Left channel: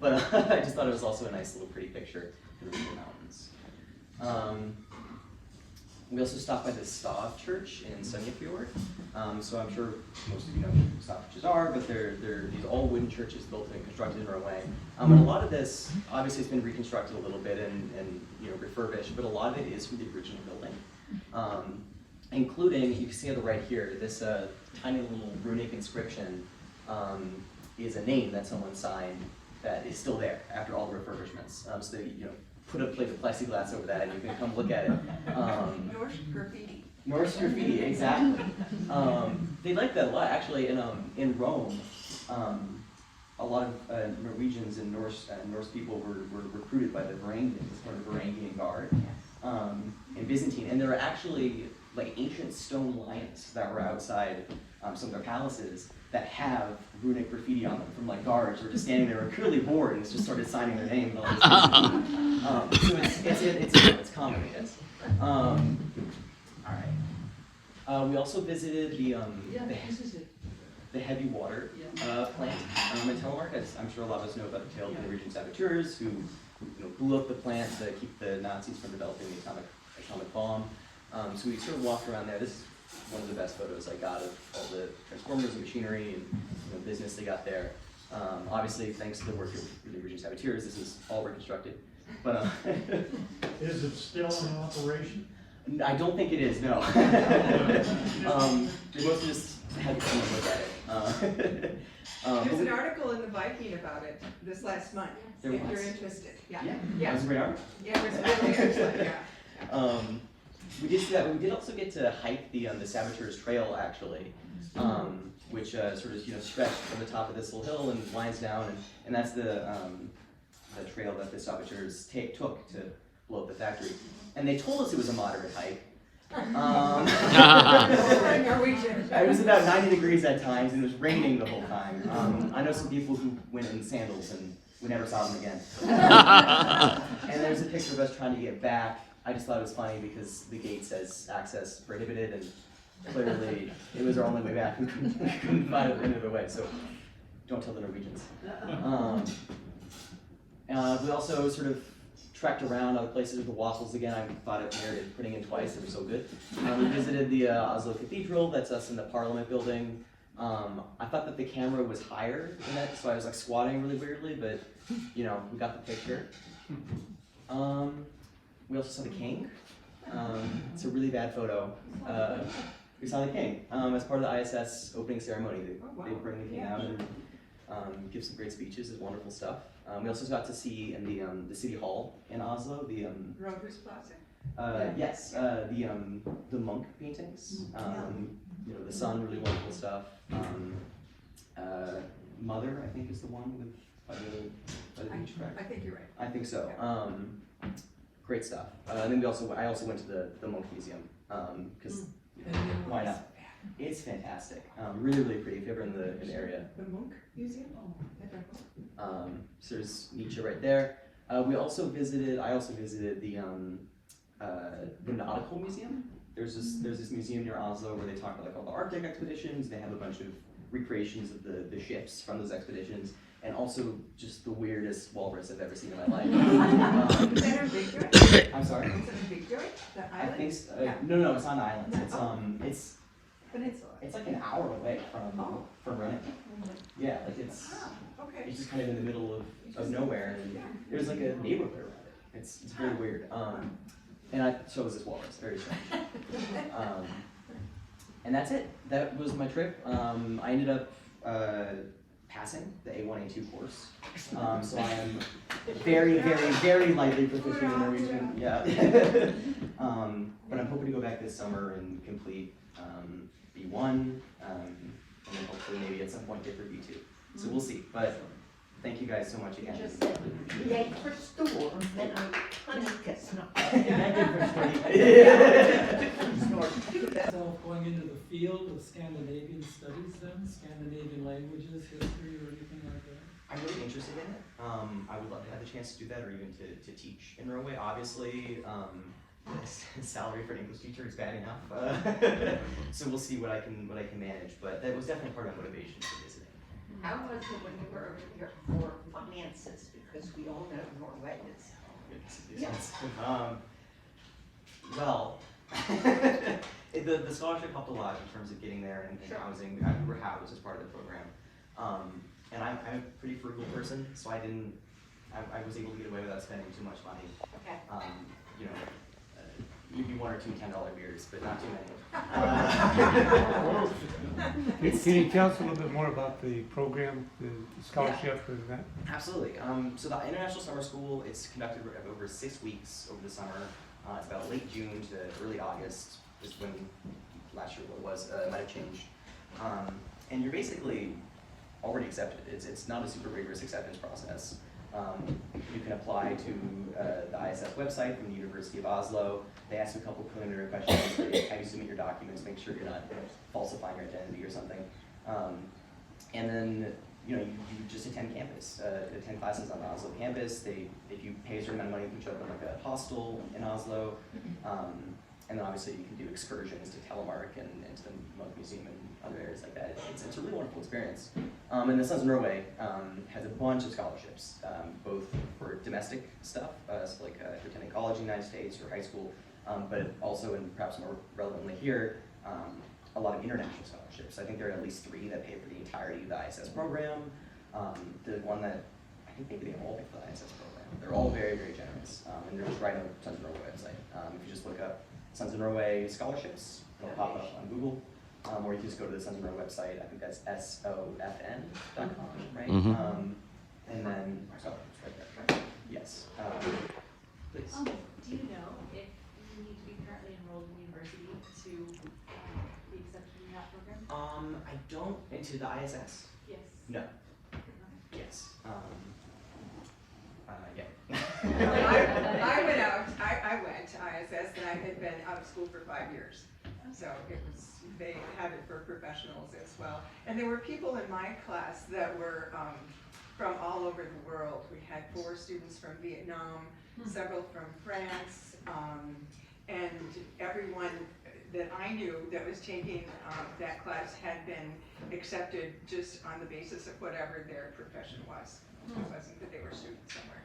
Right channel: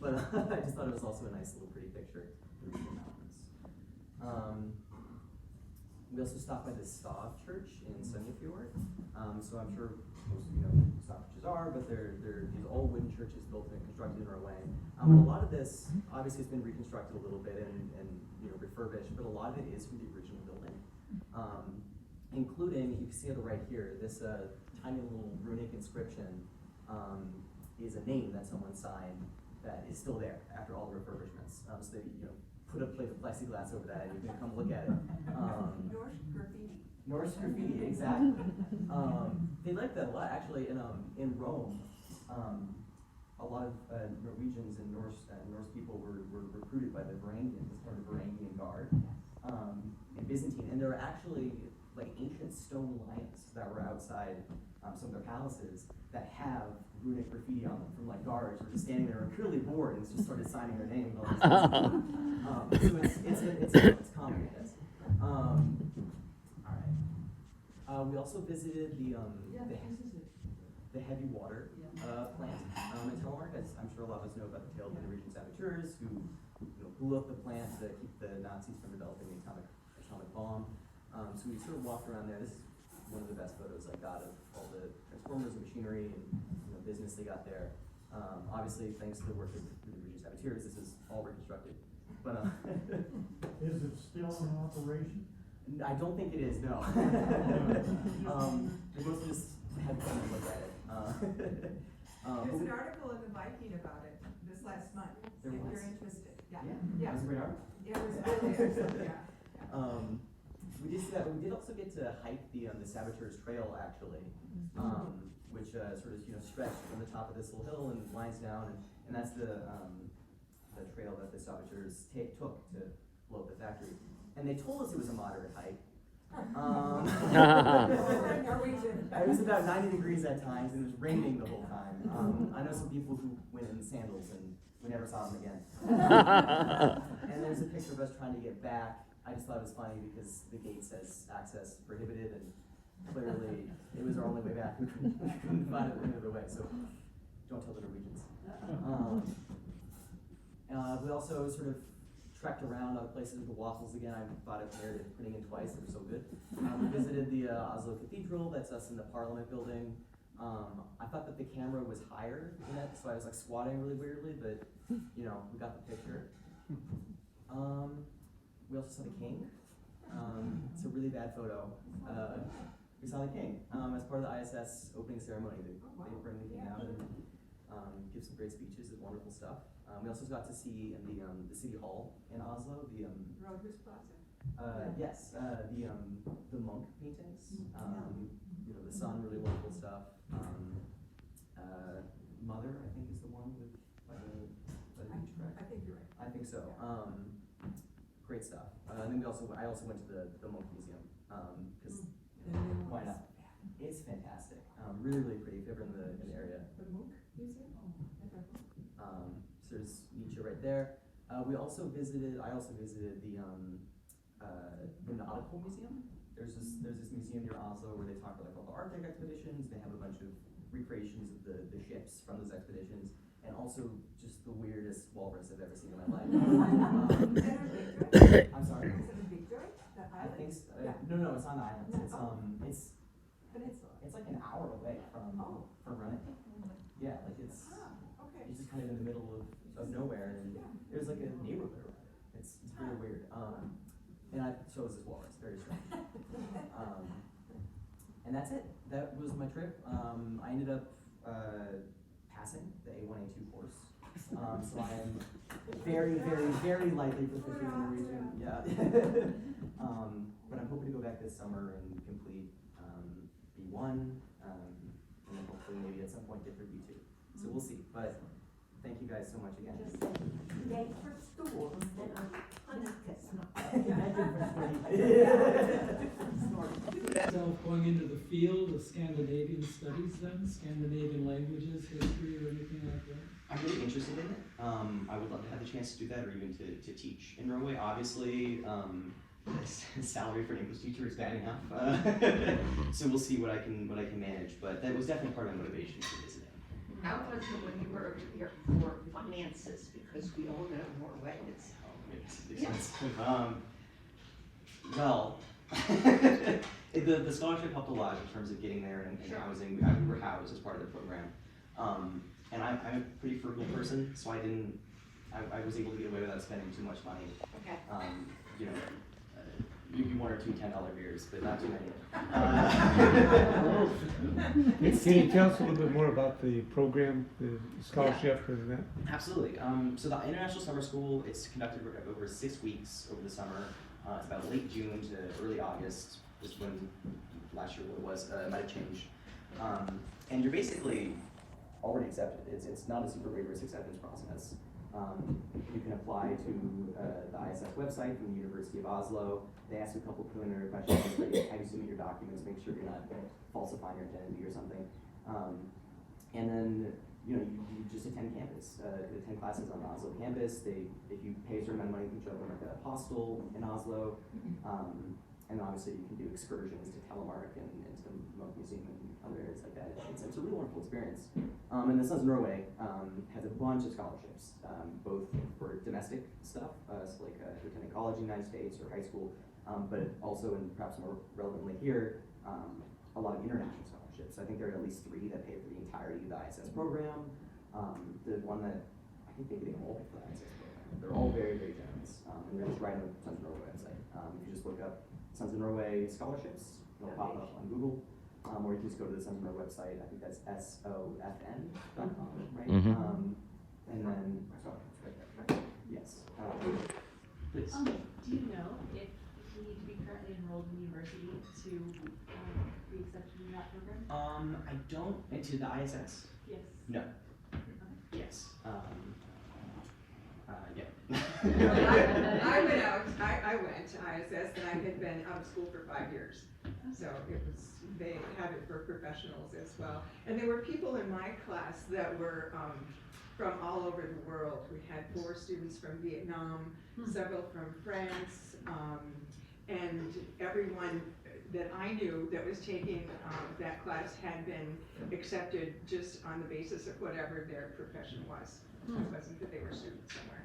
But I just thought it was also a nice little pretty picture of the mountains. We also stopped by the Stav Church in Sunnafjord. So I'm sure most of you know what Stav churches are, but they're these all wooden churches built and constructed in Norway. And a lot of this, obviously, it's been reconstructed a little bit and refurbished, but a lot of it is from the original building, including, you can see on the right here, this tiny little runic inscription is a name that someone signed that is still there after all the refurbishments. So they put a plate of plexiglass over that and you can come look at it. Norse graffiti. Norse graffiti, exactly. They like that a lot. Actually, in Rome, a lot of Norwegians and Norse people were recruited by the Varangians, or the Varangian Guard, in Byzantine. And there were actually like ancient stone lions that were outside some of their palaces that have runic graffiti on them from like guards who were just standing there, were clearly bored and just started signing their name. And all this so it's common, I guess. All right. We also visited the heavy water plant in Telemark. As I'm sure a lot of us know about the tale of the Norwegian saboteurs who blew up the plant to keep the Nazis from developing the atomic bomb. So we sort of walked around there. This is one of the best photos I got of all the transformers and machinery and business they got there. Obviously, thanks to the work of the Norwegian saboteurs, this is all reconstructed. But is it still in operation? I don't think it is. No. They mostly just had to come and look at it. There's an article in the Viking about it this last month. If you're interested. Yeah. That was a great article. Yeah, it was really excellent. Yeah. We did see that. We did also get to hike the Saboteurs Trail, actually, which sort of stretched from the top of this little hill and winds down, and that's the trail that the Saboteurs took to blow up the factory. And they told us it was a moderate hike. It was about 90 degrees at times, and it was raining the whole time. I know some people who went in sandals, and we never saw them again. And there's a picture of us trying to get back. I just thought it was funny because the gate says access prohibited, and clearly it was our only way back. We couldn't find any other way, so don't tell the Norwegians. We also sort of trekked around other places with the waffles again. I thought it merited putting in twice, they were so good. We visited the Oslo Cathedral, that's us in the Parliament building. I thought that the camera was higher than that, so I was like squatting really weirdly, but we got the picture. We also saw the king. It's a really bad photo. We saw the king as part of the ISS opening ceremony. They bring the king out and give some great speeches. It's wonderful stuff. We also got to see in the city hall in Oslo the Rovers Plaza. yes, the monk paintings. The sun, really wonderful stuff. Mother, I think, is the one with by the beach, correct? I think you're right. I think so. Great stuff. And then I also went to the Monk Museum because why not? It's fantastic. Really, really pretty. If you're ever in the area. The Monk Museum. So there's Nietzsche right there. I also visited the Nautical Museum. There's this museum near Oslo where they talk about like all the Arctic expeditions. They have a bunch of recreations of the ships from those expeditions. And also just the weirdest walrus I've ever seen in my life. Is that in Victoria? I'm sorry? Is it in Victoria? The island? I think so. Yeah. No, it's not an island. It's Peninsula. it's like an hour away from running. Yeah, like it's Okay. just kind of in the middle of nowhere, and there's like a neighborhood around it. It's very weird. And so was this walrus. Very strange. And that's it. That was my trip. I ended up passing the A1, A2 course. So I am very, very, very lightly proficient in Norwegian. Yeah. But I'm hoping to go back this summer and complete B1, and then hopefully maybe at some point get for B2. So we'll see. But thank you guys so much again. Just said, jag förstår, men han inte snart. So going into the field of Scandinavian studies then, Scandinavian languages, history, or anything like that? I'm really interested in it. I would love to have the chance to do that or even to teach in Norway. Obviously, salary for an English teacher is bad enough. So we'll see what I can manage, but that was definitely part of my motivation for visiting. How much would your finances Well, the scholarship helped a lot in terms of getting there and housing. We were housed as part of the program. And I'm a pretty frugal person, so I was able to get away without spending too much money. Okay. You know, maybe one or two $10 beers, but not too many. Can you tell us a little bit more about the program, the scholarship, and that? Absolutely. So the International Summer School, it's conducted over 6 weeks over the summer. It's about late June to early August, is when last year what it was, might have changed. And you're basically already accepted. It's not a super rigorous acceptance process. You can apply to the ISS website from the University of Oslo. They ask you a couple preliminary questions. They have you submit your documents, make sure you're not falsifying your identity or something. And then you just attend campus, attend classes on the Oslo campus. If you pay a certain amount of money, you can show up in like a hostel in Oslo. And then obviously you can do excursions to Telemark and to the Munch Museum and other areas like that. It's a really wonderful experience. And the Sons of Norway has a bunch of scholarships, both for domestic stuff, so like attending college in the United States or high school, but also, and perhaps more relevantly here, a lot of international scholarships. I think there are at least 3 that pay for the entirety of the ISS program. The one that, I think maybe they all pay for the ISS program. They're all very, very generous, and they're just right on the Sons of Norway website. If you just look up Sons of Norway scholarships, it'll pop up on Google, or you can just go to the Sons of Norway website. I think that's sofn.com, right? Mm-hmm. And then, oh, it's right there. Yes. Please. Do you know if you need to be currently enrolled in university to be accepted in that program? I don't, into the ISS? Yes. No. Yes. Yeah. I went to ISS and I had been out of school for 5 years. So they had it for professionals as well. And there were people in my class that were from all over the world. We had 4 students from Vietnam, several from France, and everyone that I knew that was taking that class had been accepted just on the basis of whatever their profession was. It wasn't that they were students somewhere.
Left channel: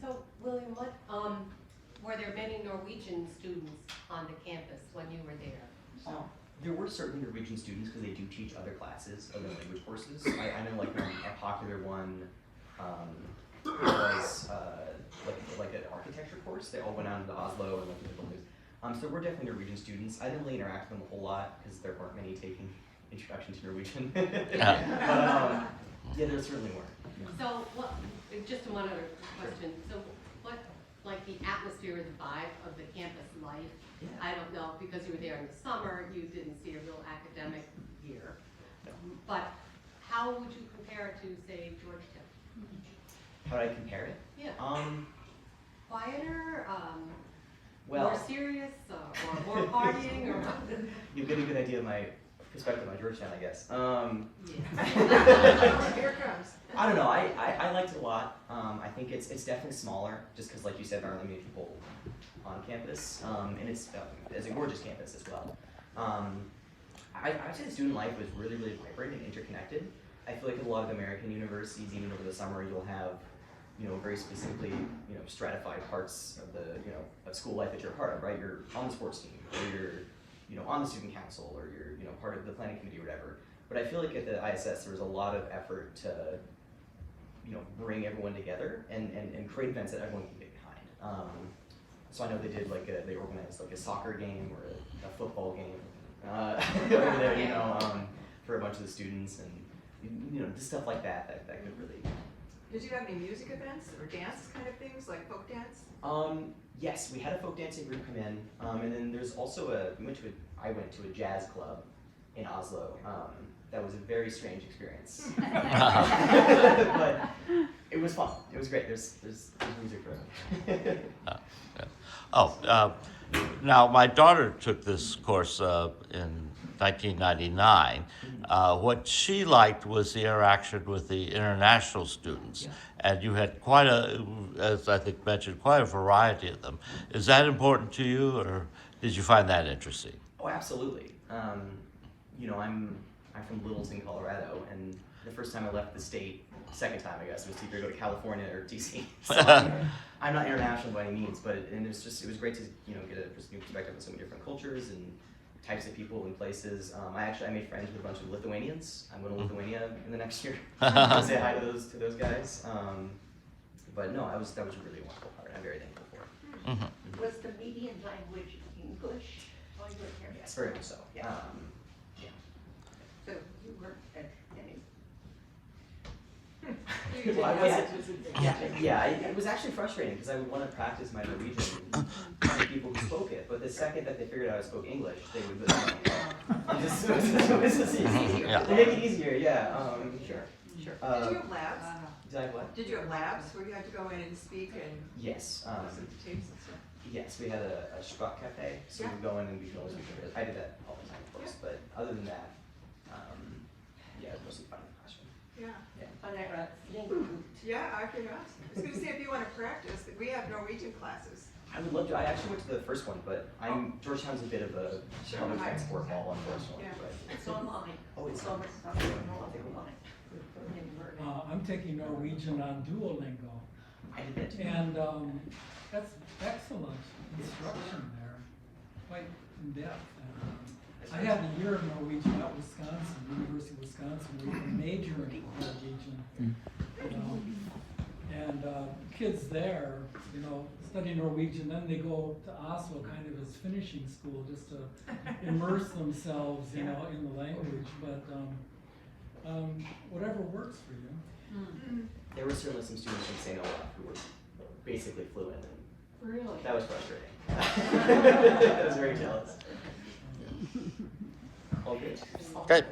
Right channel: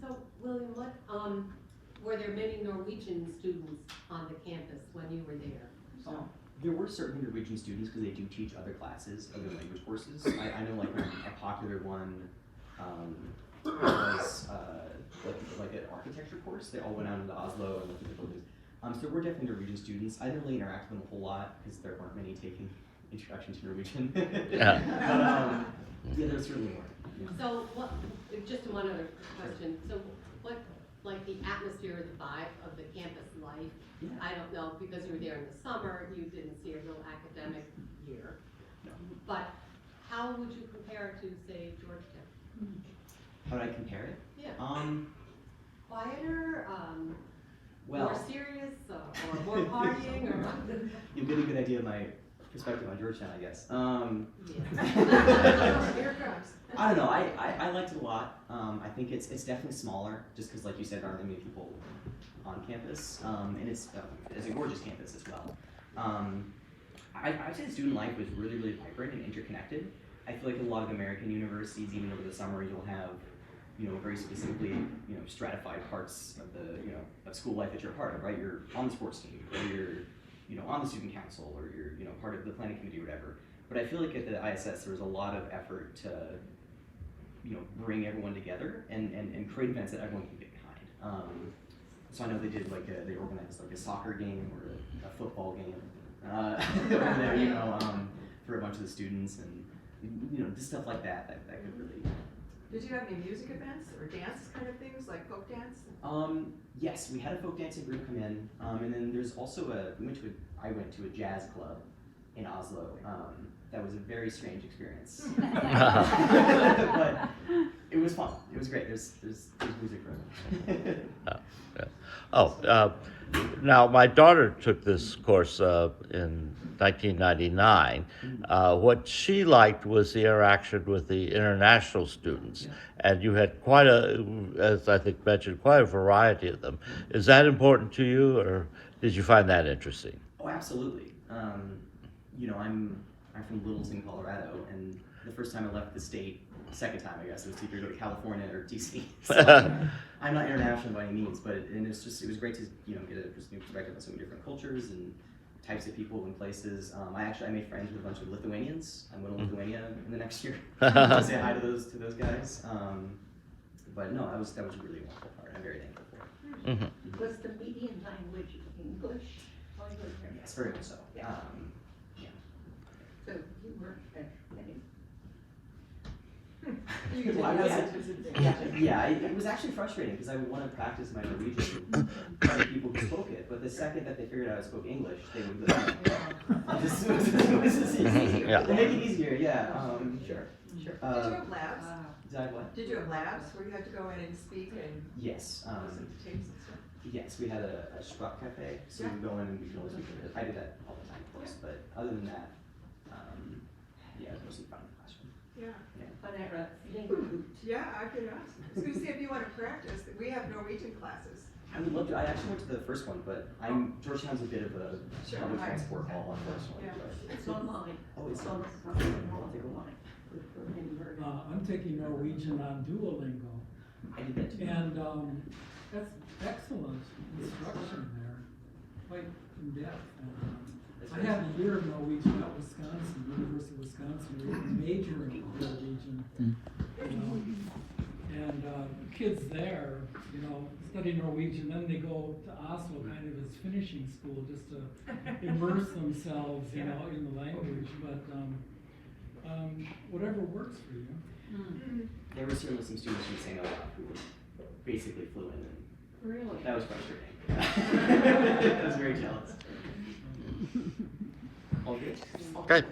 So, William, were there many Norwegian students on the campus when you were there? There were certainly Norwegian students because they do teach other classes, other language courses. I know like a popular one was like an architecture course. They all went out into Oslo and looked at the buildings. So there were definitely Norwegian students. I didn't really interact with them a whole lot because there weren't many taking introduction to Norwegian. But yeah, there certainly were. Yeah. So, just one other question. So, what, like the atmosphere or the vibe of the campus life? Yeah. I don't know, because you were there in the summer, you didn't see a real academic year. No. But how would you compare it to, say, Georgetown? How would I compare it? Yeah. Quieter, Well, more serious, or more partying, or what? you get a good idea of my perspective on Georgetown, I guess. Yeah. Here it comes. I don't know. I liked it a lot. I think it's definitely smaller, just because, like you said, there aren't that many people on campus, and it's a gorgeous campus as well. I would say the student life was really, really vibrant and interconnected. I feel like a lot of American universities, even over the summer, you'll have, very specifically, stratified parts of the, of school life that you're a part of, right? You're on the sports team, or you're, on the student council, or you're, part of the planning committee or whatever. But I feel like at the ISS, there was a lot of effort to, bring everyone together and create events that everyone can get behind. So I know they did they organized like a soccer game or a football game over there, for a bunch of the students, and just stuff like that could really. Did you have any music events or dance kind of things, like folk dance? Yes, we had a folk dancing group come in, and then there's also I went to a jazz club in Oslo. That was a very strange experience, but it was fun. It was great. There's music for everyone. Now my daughter took this course in 1999. What she liked was the interaction with the international students, and you had quite as I think mentioned, quite a variety of them. Is that important to you, or did you find that interesting? Oh, absolutely. I'm from Littleton, Colorado, and the first time I left the state second time, I guess. It was to either go to California or DC. So I'm not international by any means, but it was great to, you know, get a new perspective on so many different cultures and types of people and places. I made friends with a bunch of Lithuanians. I'm going to Lithuania in the next year. to say hi to those guys. But no, that was a really wonderful part. I'm very thankful for it. Mhm. Was the median language English? Yes, very much so. Yeah. So you were educating. Well, I wasn't- yeah, it was actually frustrating because I would want to practice my Norwegian with people who spoke it, but the second that they figured out I spoke English, they would be like, oh, it was just easier. Yeah. They make it easier, yeah. Sure. Did you have labs? Did I have what? Did you have labs where you had to go in and speak and Yes. listen to tapes and stuff? Yes, we had a Sprach cafe, so we would go in and we could always speak English. I did that all the time, of course, but other than that, yeah, it was mostly fun in the classroom. Yeah. Yeah. Yeah, I could ask. I was gonna say, if you wanna practice, we have Norwegian classes. I would love to. I actually went to the first one, but Georgetown's a bit of a Sure. public transport hall, unfortunately. Yeah. But It's online. oh, it's on I'll take a look. I'm taking Norwegian on Duolingo, I did that too. and that's excellent instruction there, quite in depth. And, I had a year of Norwegian at Wisconsin, University of Wisconsin, where you can major in Norwegian. And kids there, you know, study Norwegian, then they go to Oslo kind of as finishing school, just to immerse themselves, you know, in the language. But whatever works for you. There were certainly some students from St. Olaf who were basically fluent, and Really? that was frustrating. I was very jealous. All good. Okay.